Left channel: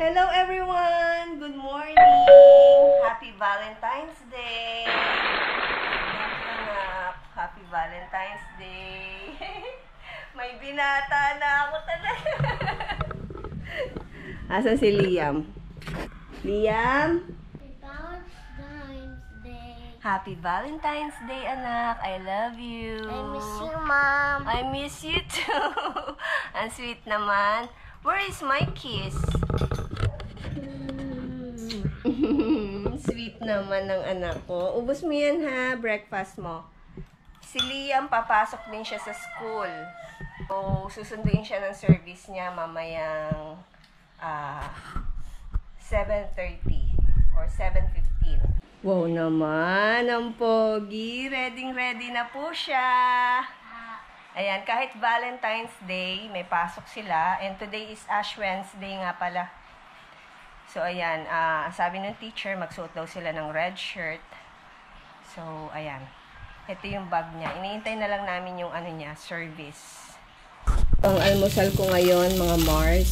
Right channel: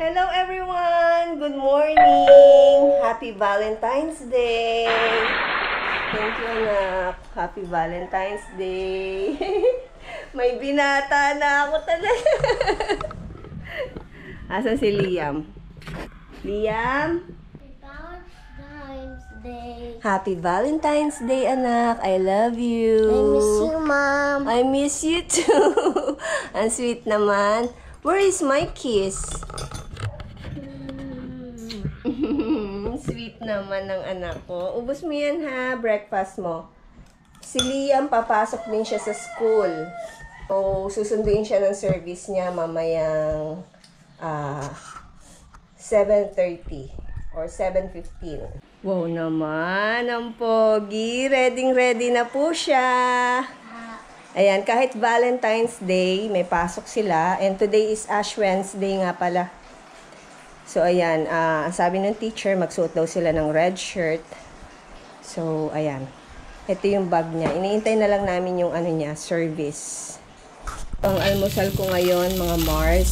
Hello everyone! Good morning! Happy Valentine's Day! Thank you anak! Happy Valentine's Day! May binata na ako talaga! Asan si Liam? Liam? Valentine's Day. Happy Valentine's Day anak! I love you! I miss you, Mom. I miss you too! Ang sweet naman! Where is my kiss? Sweet naman ng anak ko. Ubus mo yan ha, breakfast mo. Si Liam, papasok din siya sa school. O susunduin siya ng service niya mamayang 7:30 or 7:15. Wow naman, ang pogi. Ready na po siya. Ayan, kahit Valentine's Day, may pasok sila. And today is Ash Wednesday nga pala. So, ayan, sabi ng teacher, magsuot daw sila ng red shirt. So, ayan. Ito yung bag niya. Iniintay na lang namin yung ano niya, service. Ang almusal ko ngayon, mga Mars.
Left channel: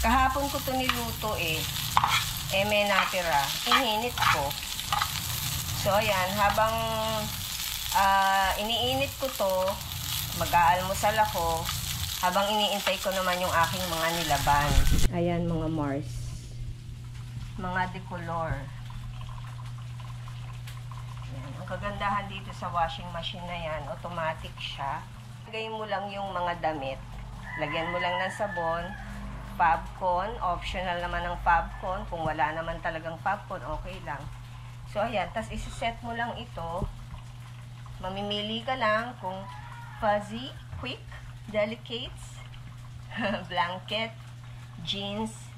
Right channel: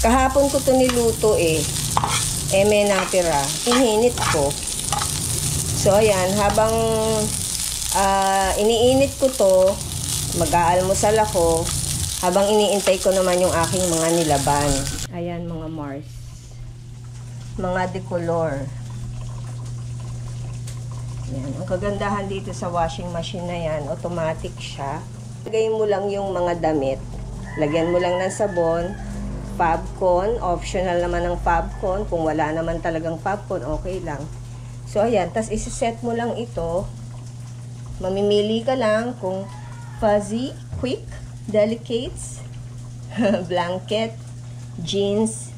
Kahapon ko to niluto eh. May natira. Ininit ko. So, ayan, habang iniinit ko to, mag-aalmusal ako. Habang iniintay ko naman yung aking mga nilaban. Ayan, mga Mars. Mga decolor. Yan. Ang kagandahan dito sa washing machine na yan, automatic siya. Lagay mo lang yung mga damit. Lagyan mo lang ng sabon. Fabcon. Optional naman ng Fabcon. Kung wala naman talagang Fabcon, okay lang. So, ayan. Tapos, isi-set mo lang ito. Mamimili ka lang kung fuzzy, quick, delicates, blanket, jeans.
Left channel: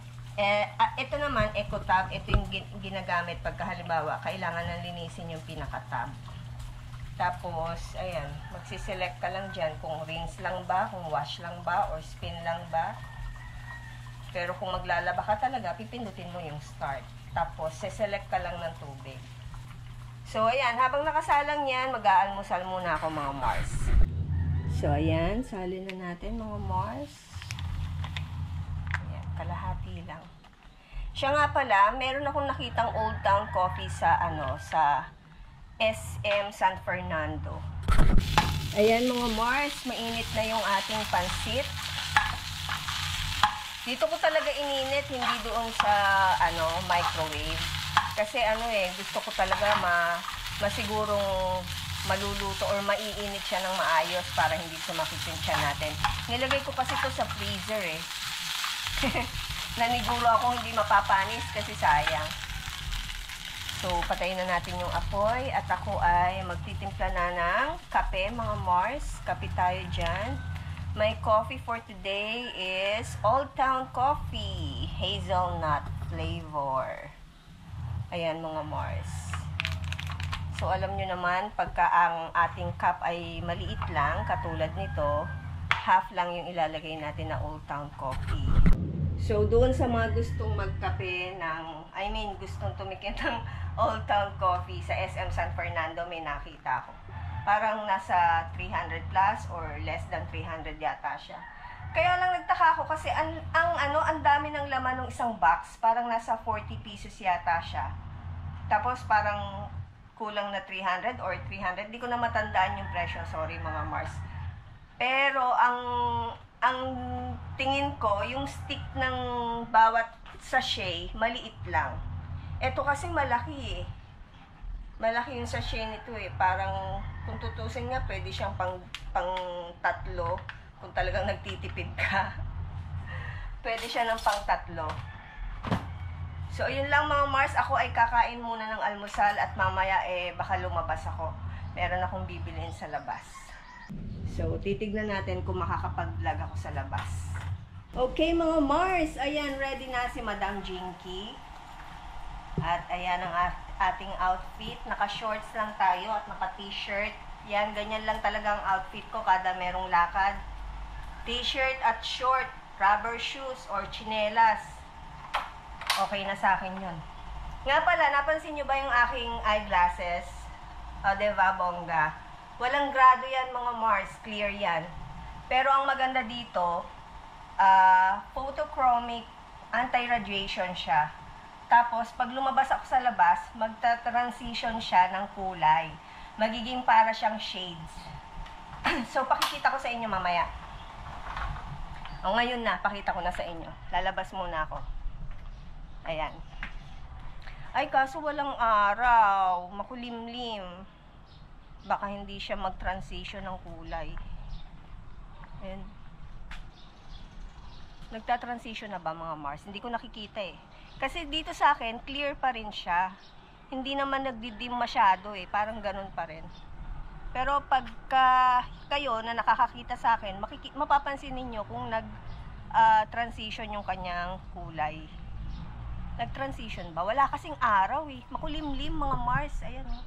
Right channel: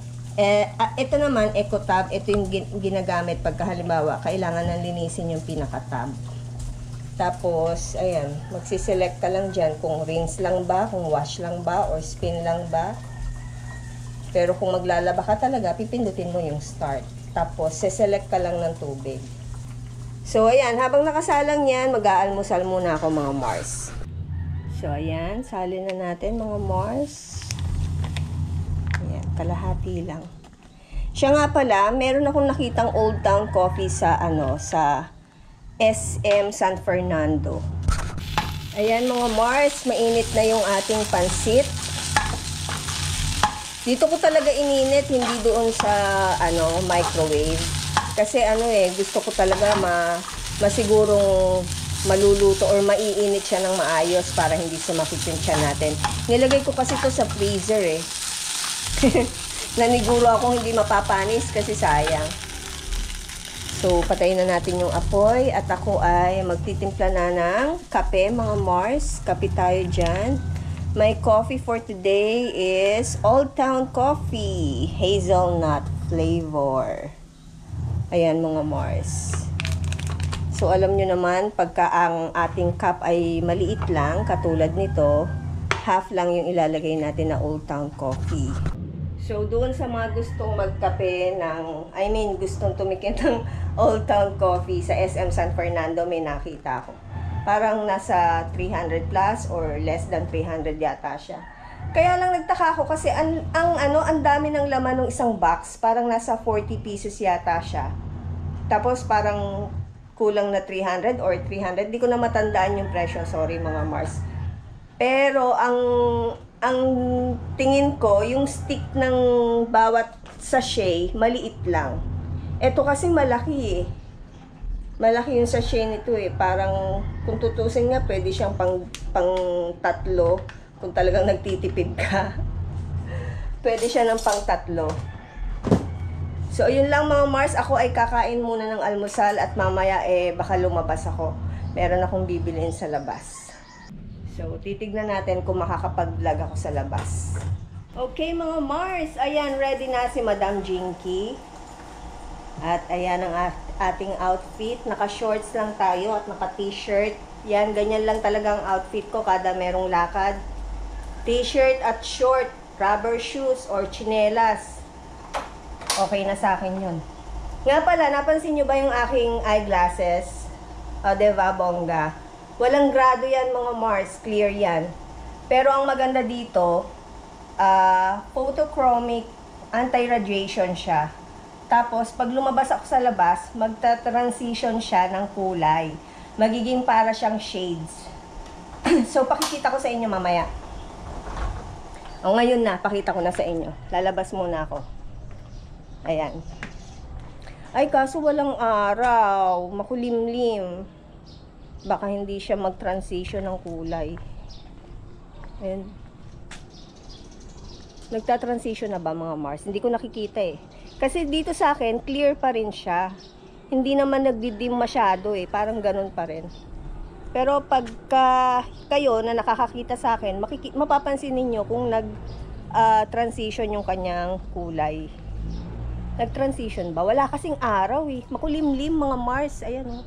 Ito naman, eco tab. Ito yung ginagamit pagka halimbawa kailangan nang linisin yung pinaka-tab. Tapos, ayan, magsiselect ka lang dyan kung rinse lang ba, kung wash lang ba, or spin lang ba. Pero kung maglalaba ka talaga, pipindutin mo yung start. Tapos, seselect ka lang ng tubig. So, ayan, habang nakasalang yan, mag-aalmusal muna ako mga Mars. So, ayan, salin na natin mga Mars. Kalahati lang. Siya nga pala, meron akong nakitang Old Town Coffee sa sa SM San Fernando. Ayan mga Mars, mainit na yung ating pansit. Dito ko talaga ininit, hindi doon sa microwave. Kasi gusto ko talaga masigurong maluluto or maiinit siya ng maayos para hindi sumakit yung tiyan natin. Nilagay ko kasi ito sa freezer eh. Naniguro ako hindi mapapanis kasi sayang. So, patayin na natin yung apoy at ako ay magtitimpla na ng kape mga Mars. Kape tayo dyan. My coffee for today is Old Town Coffee. Hazelnut flavor. Ayan mga Mars. So, alam nyo naman, pagka ang ating cup ay maliit lang, katulad nito, half lang yung ilalagay natin na Old Town Coffee. So, doon sa mga gustong magkape gustong tumikim ng Old Town Coffee sa SM San Fernando, may nakita ako. Parang nasa 300 plus or less than 300 yata siya. Kaya lang nagtaka ako kasi ang dami ng laman ng isang box. Parang nasa 40 pesos yata siya. Tapos parang kulang na 300 or 300. Di ko na matandaan yung presyo. Sorry mga Mars. Pero ang tingin ko, yung stick ng bawat sachet, maliit lang. Ito kasi malaki eh. Malaki yung sachet nito eh. Parang, kung tutusin nga, pwede siyang pang tatlo. Kung talagang nagtitipid ka. Pwede siya ng pang tatlo. So, yun lang mga Mars. Ako ay kakain muna ng almusal at mamaya baka lumabas ako. Meron akong bibiliin sa labas. So, titignan natin kung makakapag-vlog ako sa labas. Okay, mga Mars. Ayan, ready na si Madam Jinky. At ayan ang ating outfit. Naka-shorts lang tayo at naka-t-shirt. Yan, ganyan lang talagang outfit ko kada merong lakad. T-shirt at short, rubber shoes or chinelas. Okay na sa akin yun. Nga pala, napansin nyo ba yung aking eyeglasses? O, diba, bongga? Walang grado yan mga Mars, clear yan. Pero ang maganda dito, photochromic anti-radiation siya. Tapos, pag lumabas ako sa labas, magta-transition siya ng kulay. Magiging para siyang shades. So, pakikita ko sa inyo mamaya. O, ngayon na, pakita ko na sa inyo. Lalabas muna ako. Ayan. Ay, kaso walang araw. Makulimlim. Baka hindi siya mag-transition ng kulay. Ayan. Nagta-transition na ba mga Mars? Hindi ko nakikita eh. Kasi dito sa akin, clear pa rin siya. Hindi naman nagdidim masyado eh. Parang ganun pa rin. Pero pagka kayo na nakakakita sa akin, mapapansin ninyo kung nag-transition yung kanyang kulay. Nag-transition ba? Wala kasing araw eh. Makulimlim mga Mars. Ayan oh.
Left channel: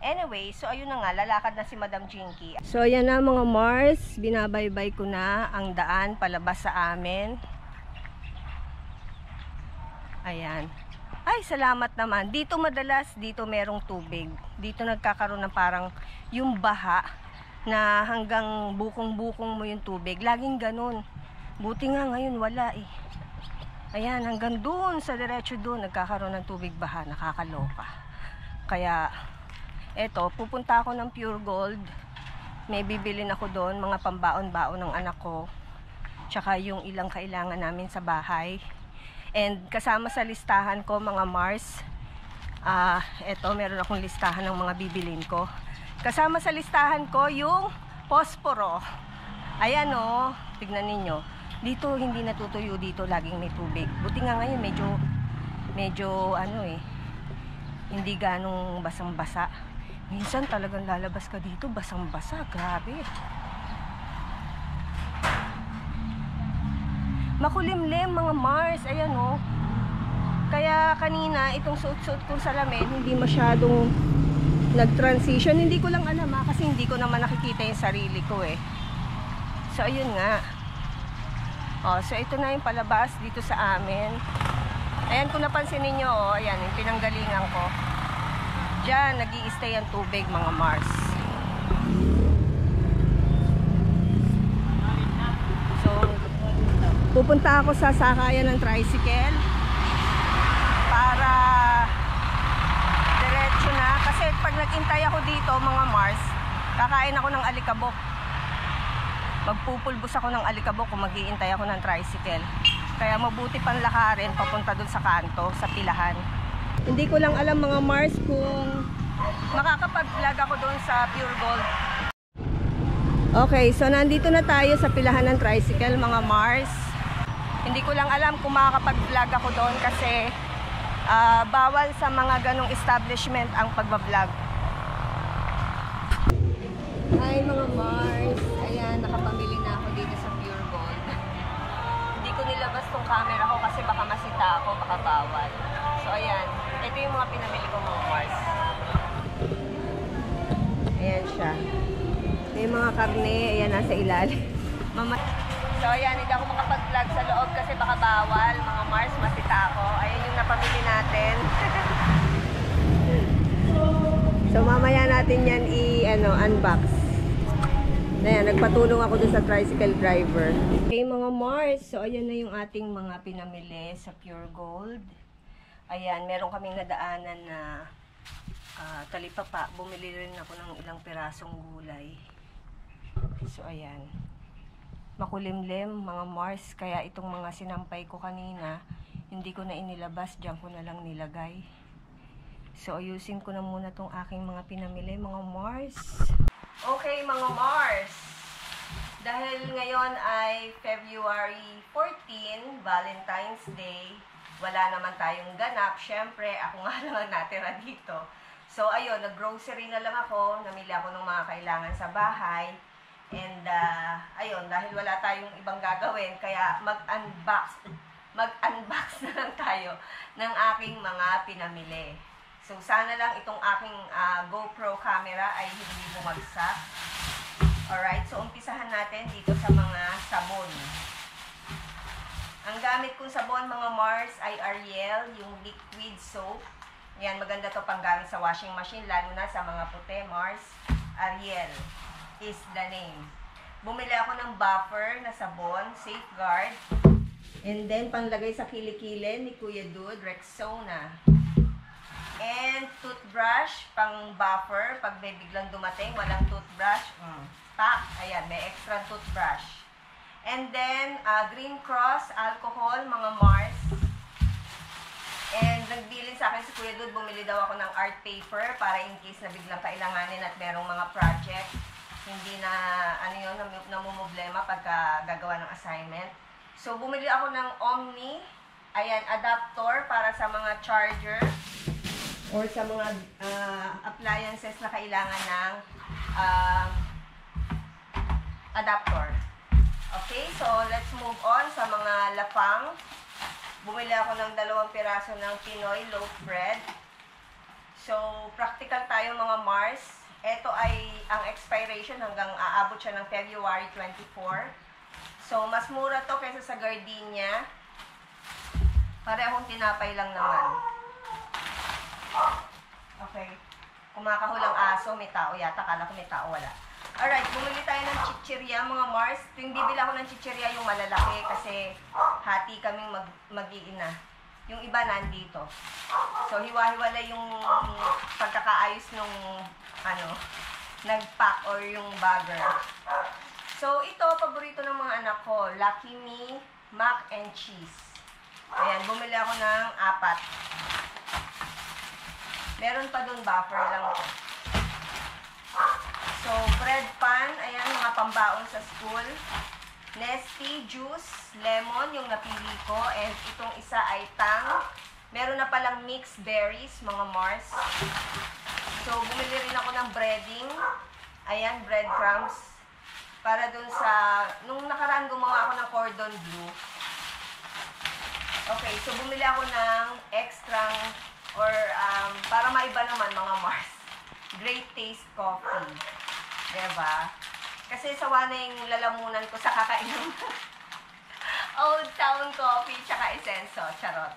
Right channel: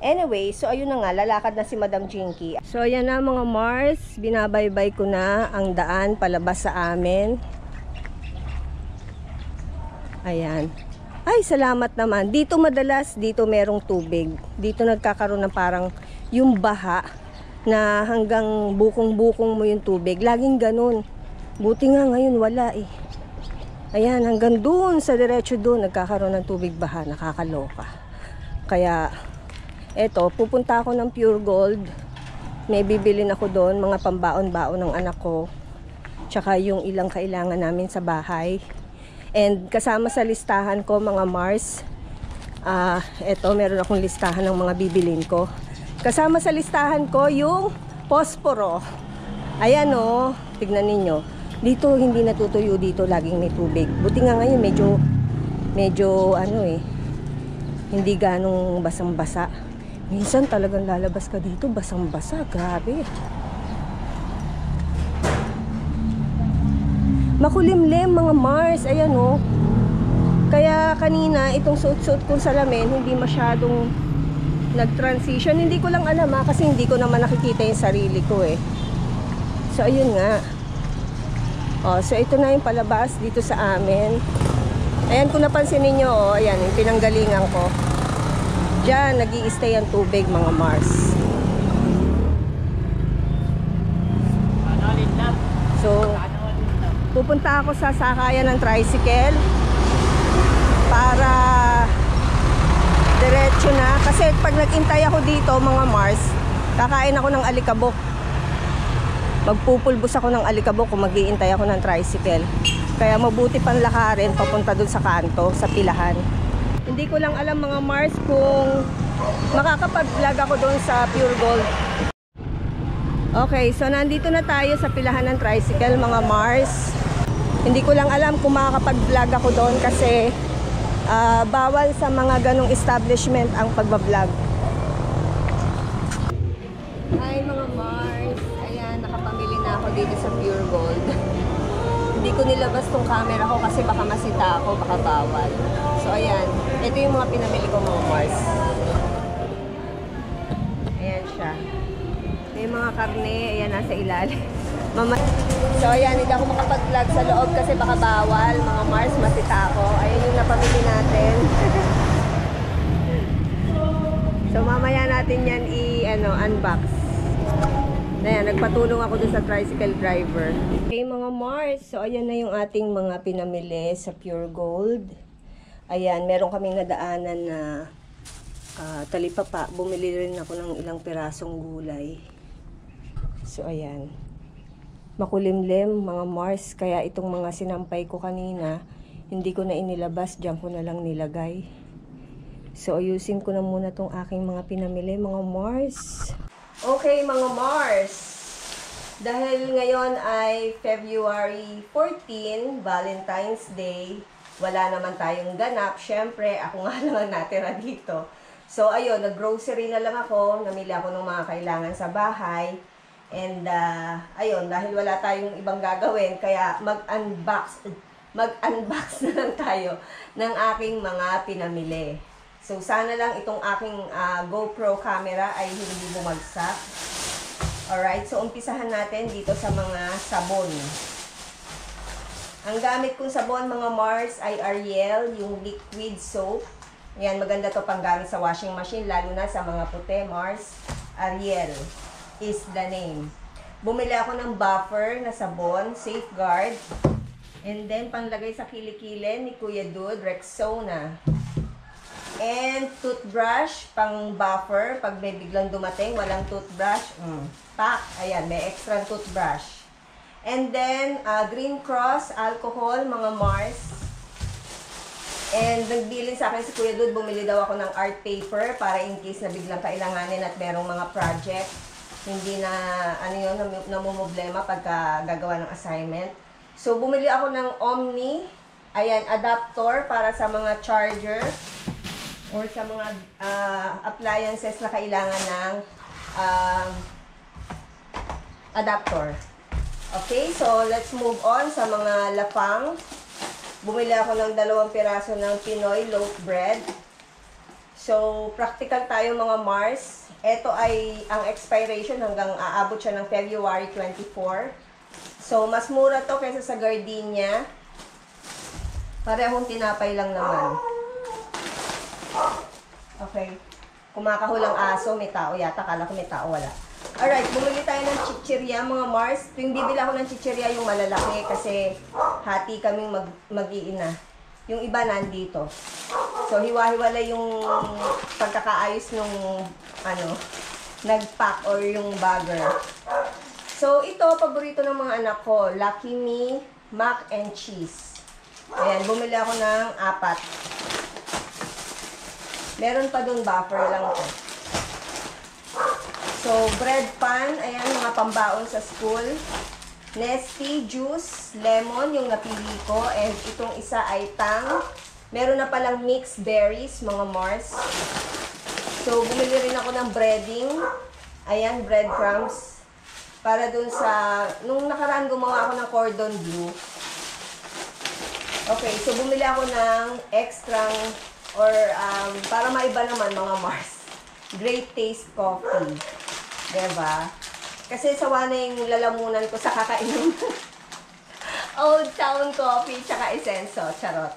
Anyway, so ayun na nga, lalakad na si Madam Jinky. So ayan na mga Mars, binabaybay ko na ang daan palabas sa amin. Ayan. Ay, salamat naman. Dito madalas, dito merong tubig. Dito nagkakaroon ng parang yung baha na hanggang bukong-bukong mo yung tubig. Laging ganun. Buti nga ngayon wala eh. Ayan, hanggang doon sa diretso doon nagkakaroon ng tubig baha. Nakakaloka. Kaya, eto, pupunta ako ng Pure Gold. May bibilin ako doon, mga pambaon-baon ng anak ko. Tsaka yung ilang kailangan namin sa bahay. And kasama sa listahan ko mga Mars, eto, meron akong listahan ng mga bibilin ko. Kasama sa listahan ko yung posporo. Ayan o, tignan ninyo. Dito hindi natutuyo dito, laging may tubig. Buti nga ngayon medyo ano eh, hindi ganong basang-basa. Minsan talagang lalabas ka dito, basang-basa, grabe. Makulimlim mga Mars, ayan o. Kaya kanina, itong suot-suot kong salamin, hindi masyadong nag-transition. Hindi ko lang alam kasi hindi ko naman nakikita yung sarili ko eh. So ayun nga. So ito na yung palabas dito sa amin. Ayan, kung napansin ninyo, ayan, yung pinanggalingan ko. Diyan, nag-i-stay ang tubig mga Mars. So, pupunta ako sa sakayan ng tricycle para diretso na. Kasi pag nag-intay ako dito mga Mars, kakain ako ng alikabok. Magpupulbos ako ng alikabok kung mag-iintay ako ng tricycle. Kaya mabuti pang lakarin papunta dun sa kanto, sa pilahan. Hindi ko lang alam mga Mars kung makakapag-vlog ako dun sa Pure Gold. Okay, so nandito na tayo sa pilahan ng tricycle mga Mars. Hindi ko lang alam kung makakapag-vlog ako doon kasi bawal sa mga ganong establishment ang pagbablog. Hi mga Mars, ayan, nakapamili na ako dito sa Pure Gold. Hindi ko nilabas tong camera ko kasi baka masita ako, baka bawal. So ayan, ito yung mga pinamili ko mga Mars. Ayan siya. May mga karne, ayan nasa ilalim. So ayan, hindi ako makapag-vlog sa loob kasi baka bawal. Mga Mars, masita ako. Ayan yung napamili natin. So mamaya natin yan unbox. Ayan, nagpatulong ako dun sa tricycle driver. Okay mga Mars, so ayan na yung ating mga pinamili sa Pure Gold. Ayan, meron kaming nadaanan na talipapa. Bumili rin ako ng ilang pirasong gulay. So ayan, makulimlim mga Mars, kaya itong mga sinampay ko kanina hindi ko na inilabas, diyan ko na lang nilagay. So ayusin ko na muna tong aking mga pinamili mga Mars. Okay mga Mars, dahil ngayon ay February 14, Valentine's Day, wala naman tayong ganap. Syempre ako nga lang natira dito. So ayun, nag-grocery na lang ako, namili ako ng mga kailangan sa bahay. And ayun, dahil wala tayong ibang gagawin, kaya mag-unbox na lang tayo ng aking mga pinamili. So sana lang itong aking GoPro camera ay hindi bumagsak. Alright, so umpisahan natin dito sa mga sabon. Ang gamit kong sabon mga Mars ay Ariel, yung liquid soap. Yan, maganda to pang gamit sa washing machine, lalo na sa mga puti Mars. Ariel is the name. Bumili ako ng buffer na sabon, Safeguard. And then, panglagay sa kilikili ni Kuya Dude, Rexona. And toothbrush, pang buffer. Pag may biglang dumating, walang toothbrush. Pack. Ayan, may extra toothbrush. And then, Green Cross, alcohol, mga Mars. And nagbilin sa akin si Kuya Dude, bumili daw ako ng art paper para in case na biglang kailanganin at merong mga project. Hindi na, namumblema pagka gagawa ng assignment. So, bumili ako ng Omni. Ayan, adapter para sa mga charger or sa mga appliances na kailangan ng adapter. Okay, so let's move on sa mga lapang. Bumili ako ng 2 piraso ng Pinoy loaf bread. So, practical tayo mga Mars. Ito ay ang expiration hanggang aabot siya ng February 24. So, mas mura to kaysa sa Gardenia. Parehong tinapay lang naman. Okay. Kumakahulang aso, may tao yata. Kala ko may tao, wala. Alright, bumili tayo ng chichirya mga Mars. Tuwing bibili ako ng chichirya yung malalaki kasi hati kaming mag-iina. Yung iba nandito. So, hiwa-hiwalay yung pagkakaayos nung nag-pack or yung bagger. So, ito, paborito ng mga anak ko. Lucky Me, Mac and Cheese. Ayan, bumili ako ng 4. Meron pa dun, buffer lang ko. So, bread pan, ayan, mga pambaon sa school. Nesty, juice, lemon, yung napili ko. And itong isa ay tang. Meron na palang mixed berries, mga Mars. So, bumili rin ako ng breading. Ayan, breadcrumbs. Para dun sa, nung nakaraan gumawa ako ng cordon bleu. Okay, so bumili ako ng extra or para maiba naman mga Mars. Great Taste Coffee. Diba? Kasi sawa na yung lalamunan ko sa kakainom. Old Town Coffee tsaka Essenso. Charot.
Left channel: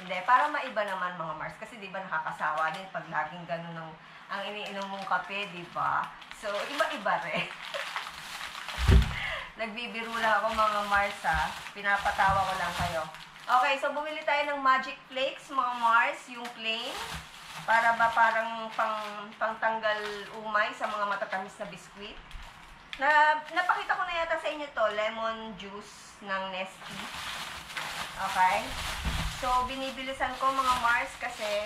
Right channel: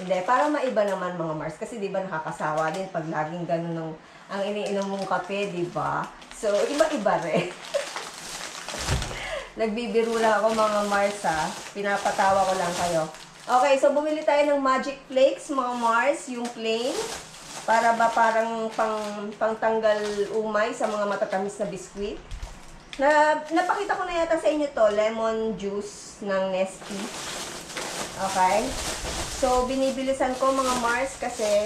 Hindi, para maiba naman mga Mars. Kasi diba nakakasawa din pag laging ganun ang iniinom mong kape, diba? So, iba-iba rin. Nagbibiro lang ako mga Mars ha. Pinapatawa ko lang kayo. Okay, so bumili tayo ng Magic Flakes mga Mars. Yung plain. Para ba parang pangtanggal umay sa mga matatamis na biskwit. Napakita ko na yata sa inyo to, lemon juice ng Nesty. Okay? So, binibilisan ko mga Mars kasi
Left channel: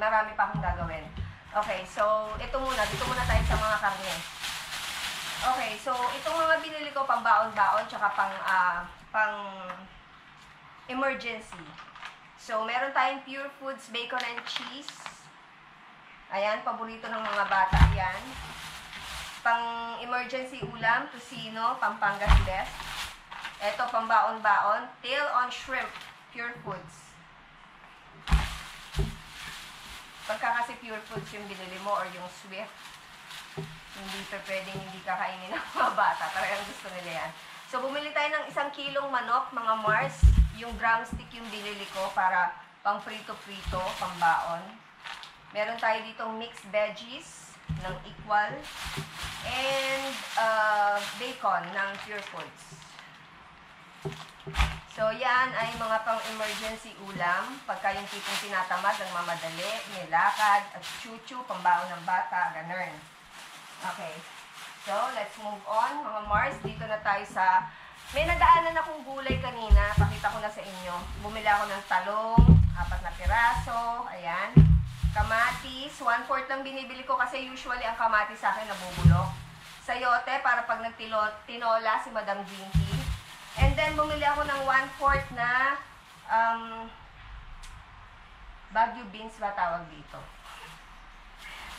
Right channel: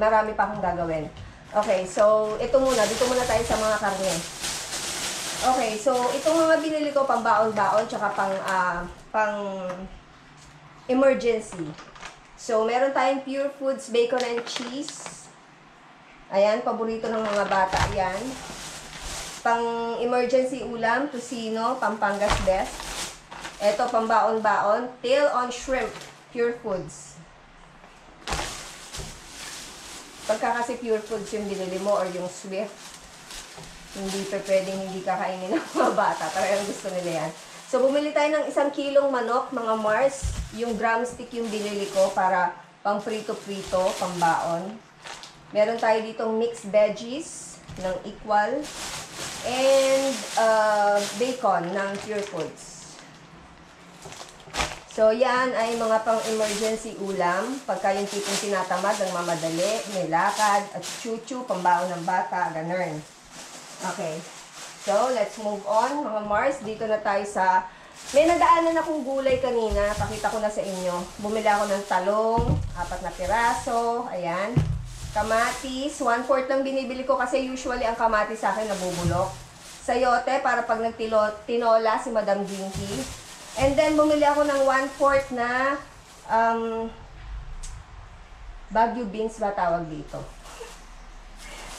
marami pa akong gagawin. Okay, so ito muna. Dito muna tayo sa mga karne. Okay, so itong mga binili ko pang baon-baon tsaka pang emergency. So, meron tayong Pure Foods Bacon and Cheese. Ayan, paborito ng mga bata. Ayan. Pang emergency ulam, tocino, Pampangas Best. Ito, pang baon-baon, Tail on Shrimp, Pure Foods. Pagka kasi Pure Foods yung binili mo or yung Swift, hindi pa pwedeng hindi kakainin ng mga bata. Talagang gusto nila yan. So, bumili tayo ng 1 kilong manok, mga Mars. Yung drumstick yung binili ko para pang prito-prito, pang baon. Meron tayo ditong mixed veggies ng Equal. And bacon ng Pure Foods. So, yan ay mga pang emergency ulam. Pagka yung tipong tinatamad, ang mamadali, nilakad, at chuchu, pambaon ng bata, ganun. Okay. So, let's move on, mga Mars. Dito na tayo sa... May nadaanan akong gulay kanina. Pakita ko na sa inyo. Bumili ako ng talong, 4 na piraso. Ayan. Kamatis. 1/4 lang binibili ko kasi usually ang kamatis sa akin nabubulok. Sayote para pag nagtinola si Madam Dinky. And then, bumili ako ng 1/4 na Baguio beans ba tawag dito?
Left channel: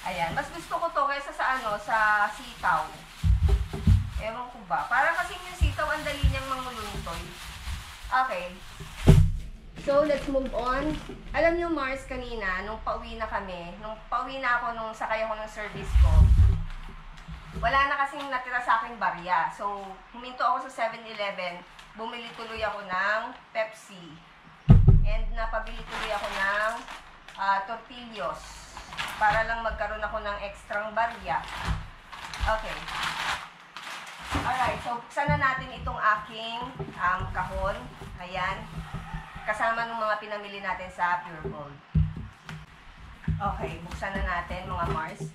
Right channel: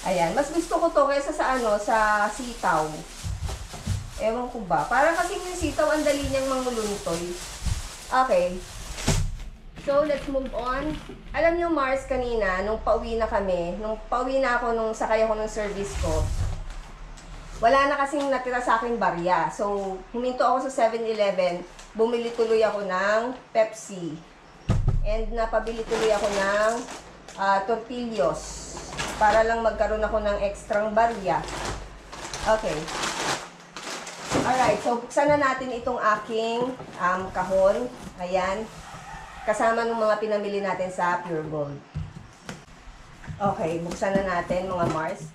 Ayan, mas gusto ko to kaysa sa sitaw. Ewan ko ba. Para kasi yung sitaw, ang dali niyang manguluntoy. Okay. So, let's move on. Alam niyo, Mars, kanina, nung pauwi na ako, nung sakay ako ng service ko, wala na kasing natira sa akin barya. So, huminto ako sa 7-Eleven, bumili tuloy ako ng Pepsi. And napabili tuloy ako ng tortillos. Para lang magkaroon ako ng extrang barya. Okay. Alright, so buksan na natin itong aking kahon. Ayan. Kasama ng mga pinamili natin sa Pure Gold. Okay, buksan na natin mga Mars.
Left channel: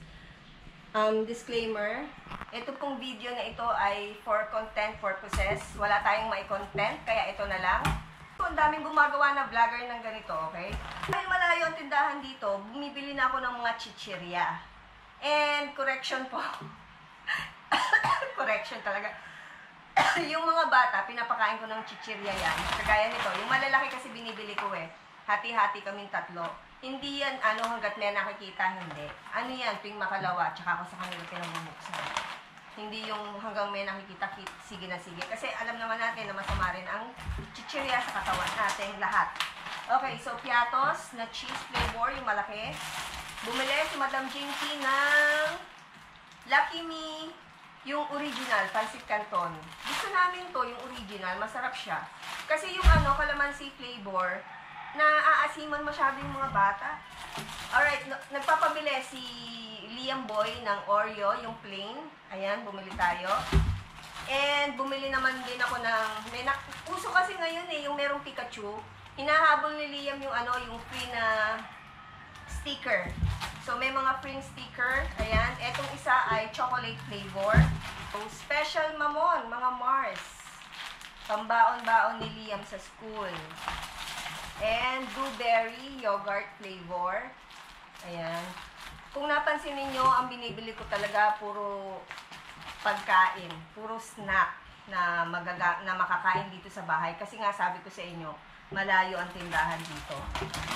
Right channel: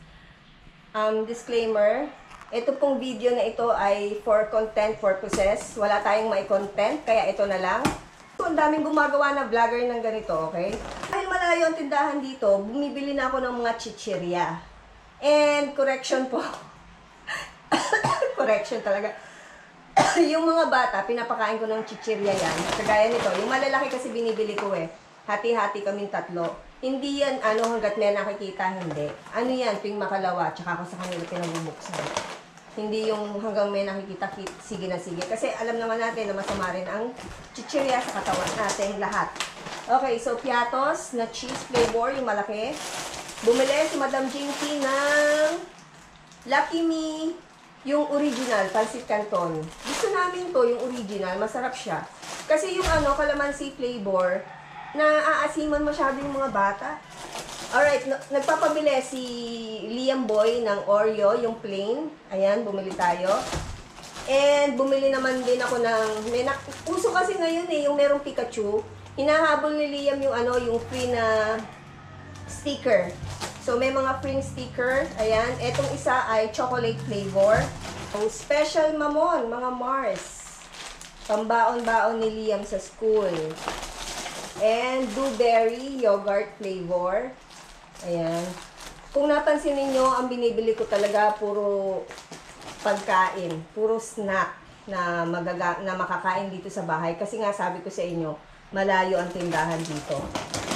Disclaimer, ito pong video na ito ay for content purposes. Wala tayong may content, kaya ito na lang. Ang daming gumagawa na vlogger ng ganito, okay? Dahil malayo ang tindahan dito, bumibili na ako ng mga chichirya. And correction po. Correction talaga. Yung mga bata, pinapakain ko ng chichirya yan. Kagaya nito, yung malalaki kasi binibili ko eh. Hati-hati kaming tatlo. Hindi yan, hanggat may nakikita, hindi. Ano yan, tuwing makalawa, tsaka ako sa kanila pinabubuksan. Hindi yung hanggang may nakikita, sige na sige. Kasi alam naman natin na masama rin ang chichirya sa katawan natin lahat. Okay, so piatos na cheese flavor, yung malaki. Bumili si Madam Jinky ng Lucky Me, yung original, Pancit Canton. Gusto namin to, yung original, masarap siya. Kasi yung calamansi flavor, naaasiman masyado yung mga bata. Alright, nagpapabili si Liam Boy ng Oreo, yung plain. Ayan, bumili tayo. And bumili naman din ako ng, uso kasi ngayon eh, yung merong Pikachu. Hinahabol ni Liam yung yung free na sticker. So may mga free sticker. Ayan, etong isa ay chocolate flavor. Ang special mamon, mga Mars. Pambaon-baon ni Liam sa school. And blueberry yogurt flavor. Ayan. Kung napansin niyo, ang binibili ko talaga puro pagkain, puro snack na makakain dito sa bahay kasi nga sabi ko sa inyo, malayo ang tindahan dito.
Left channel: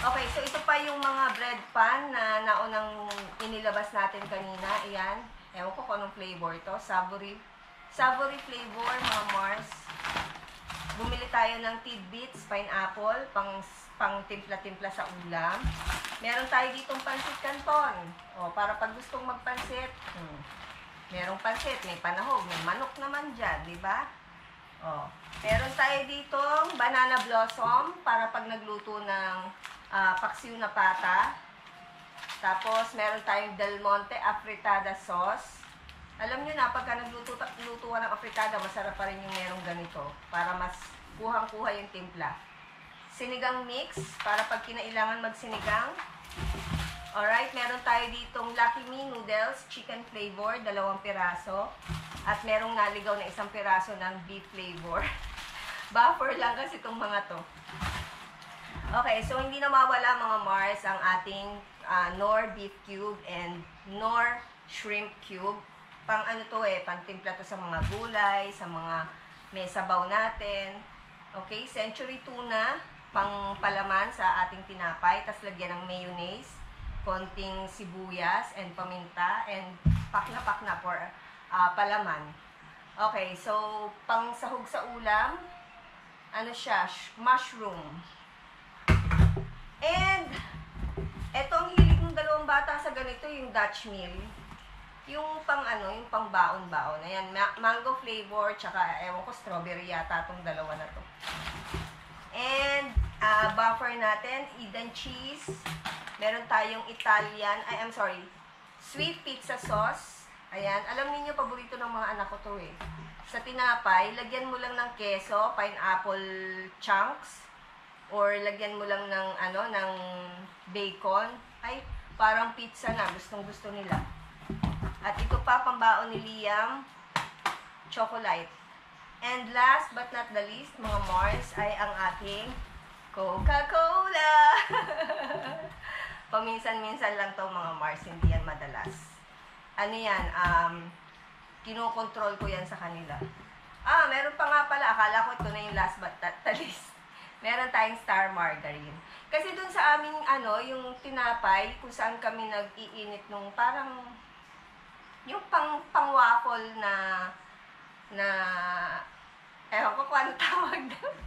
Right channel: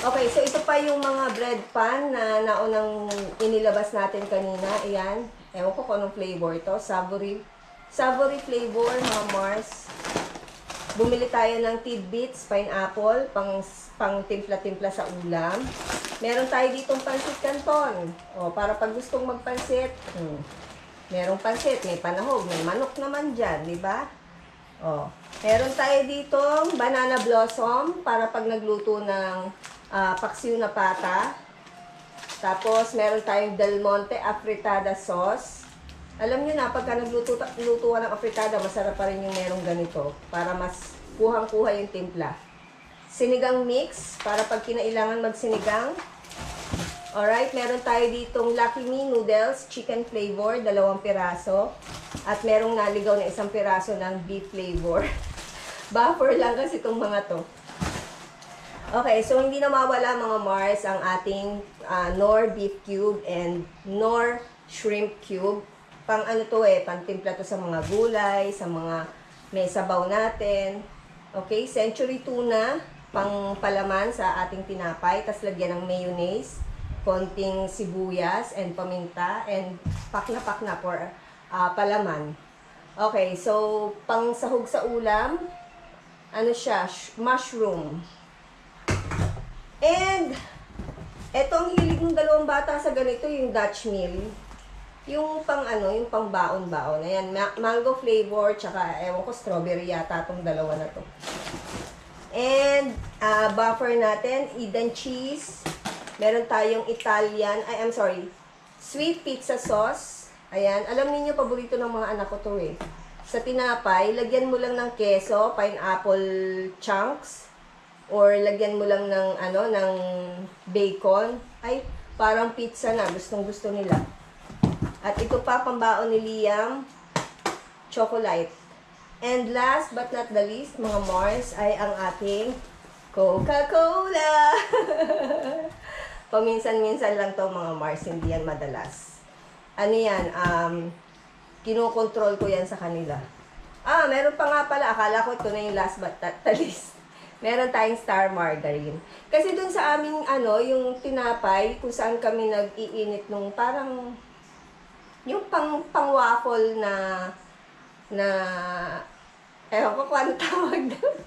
Okay, so ito pa yung mga bread pan na naunang inilabas natin kanina. Ayan. Ewan ko kung anong flavor ito. Savory flavor, mga Mars. Bumili tayo ng tidbits, pineapple, pang timpla-timpla sa ulam. Meron tayo ditong Pancit Canton. O, para pag gustong magpansit, merong pansit, may panahog, may manok naman dyan, di ba? O, meron tayo ditong banana blossom, para pag nagluto ng paksiw na pata. Tapos, meron tayong Del Monte afritada sauce. Alam nyo na, pagka nagluto ka ng afritada, masarap pa rin yung merong ganito. Para mas kuhang-kuha yung timpla. Sinigang mix, para pag kinailangan magsinigang. Alright, meron tayo ditong Lucky Me noodles, chicken flavor, 2 piraso. At merong naligaw na 1 piraso ng beef flavor. Buffer lang kasi itong mga to. Okay, so hindi na mawala mga Mars ang ating Knorr beef cube and Knorr shrimp cube. Pang pantimpla to sa mga gulay, sa mga may sabaw natin. Okay, century tuna, pang palaman sa ating tinapay, tas lagyan ng mayonnaise, konting sibuyas and paminta, and pakna-pakna for palaman. Okay, so pang sahog sa ulam, mushroom. And etong hilig ng 2 bata sa ganito, yung Dutch meal. Yung yung pang baon-baon. Ayan, mango flavor, tsaka ewan ko, strawberry yata itong 2 na to. And, buffer natin, Eden cheese. Meron tayong sweet pizza sauce. Ayan, alam niyo paborito ng mga anak ko to eh. Sa tinapay, lagyan mo lang ng keso, pineapple chunks, or lagyan mo lang ng bacon. Ay, parang pizza na, gustong-gusto nila. At ito pa, pambaon ni Liam, chocolate. And last but not the least, mga Mars, ay ang ating Coca-Cola. Paminsan-minsan lang to mga Mars, hindi yan madalas. Kinokontrol ko yan sa kanila. Meron pa nga pala, akala ko ito na yung last but not the least. Meron tayong Star Margarine. Kasi dun sa aming, yung tinapay, kung saan kami nag-iinit nung parang yung pang waffle na ewan ko kung ano tawag doon.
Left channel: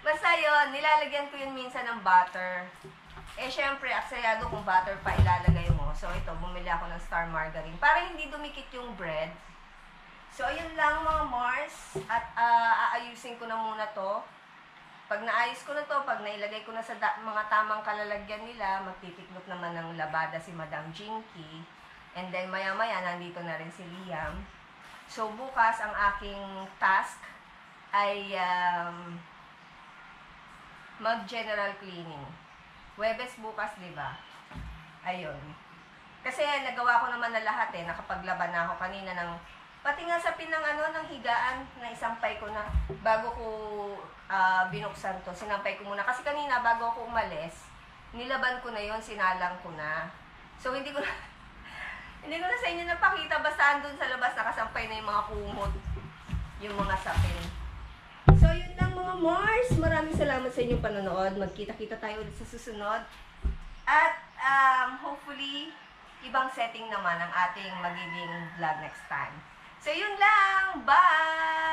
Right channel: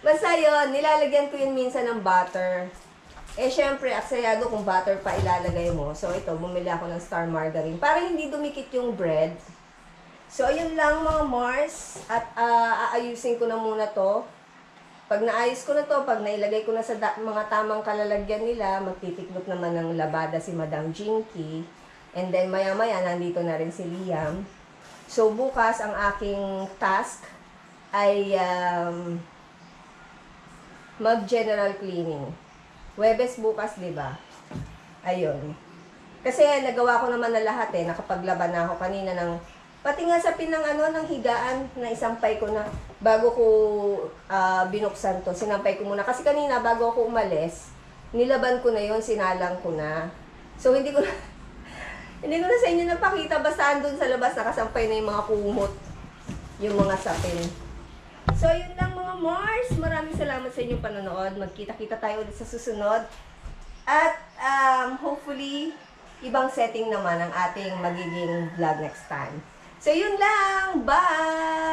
Basta yun, nilalagyan ko yun minsan ng butter. Eh, syempre, aksayado kung butter pa ilalagay mo. So, ito, bumili ako ng Star Margarine para hindi dumikit yung bread. So, ayun lang mga Mars. At aayusin ko na muna to. Pag naayos ko na to, pag nailagay ko na sa mga tamang kalalagyan nila, magtitiklop naman ng labada si Madam Jinky. And then, maya-maya, nandito na rin si Liam. So, bukas ang aking task ay mag-general cleaning. Huwebes bukas, di ba? Ayun. Kasi nagawa ko naman na lahat eh. Nakapaglaban na ako kanina ng pati nga sa ng higaan na isampay ko na bago ko binuksan to. Sinampay ko muna. Kasi kanina bago ako umalis, nilaban ko na yon, sinalang ko na. So hindi ko na hindi ko na sa inyo napakita, basta andun sa labas nakasampay na yung mga kumot, yung mga sapin. So yun lang mga Mars, maraming salamat sa inyong panonood. Magkita-kita tayo ulit sa susunod. At hopefully ibang setting naman ang ating magiging vlog next time. So yun lang, bye!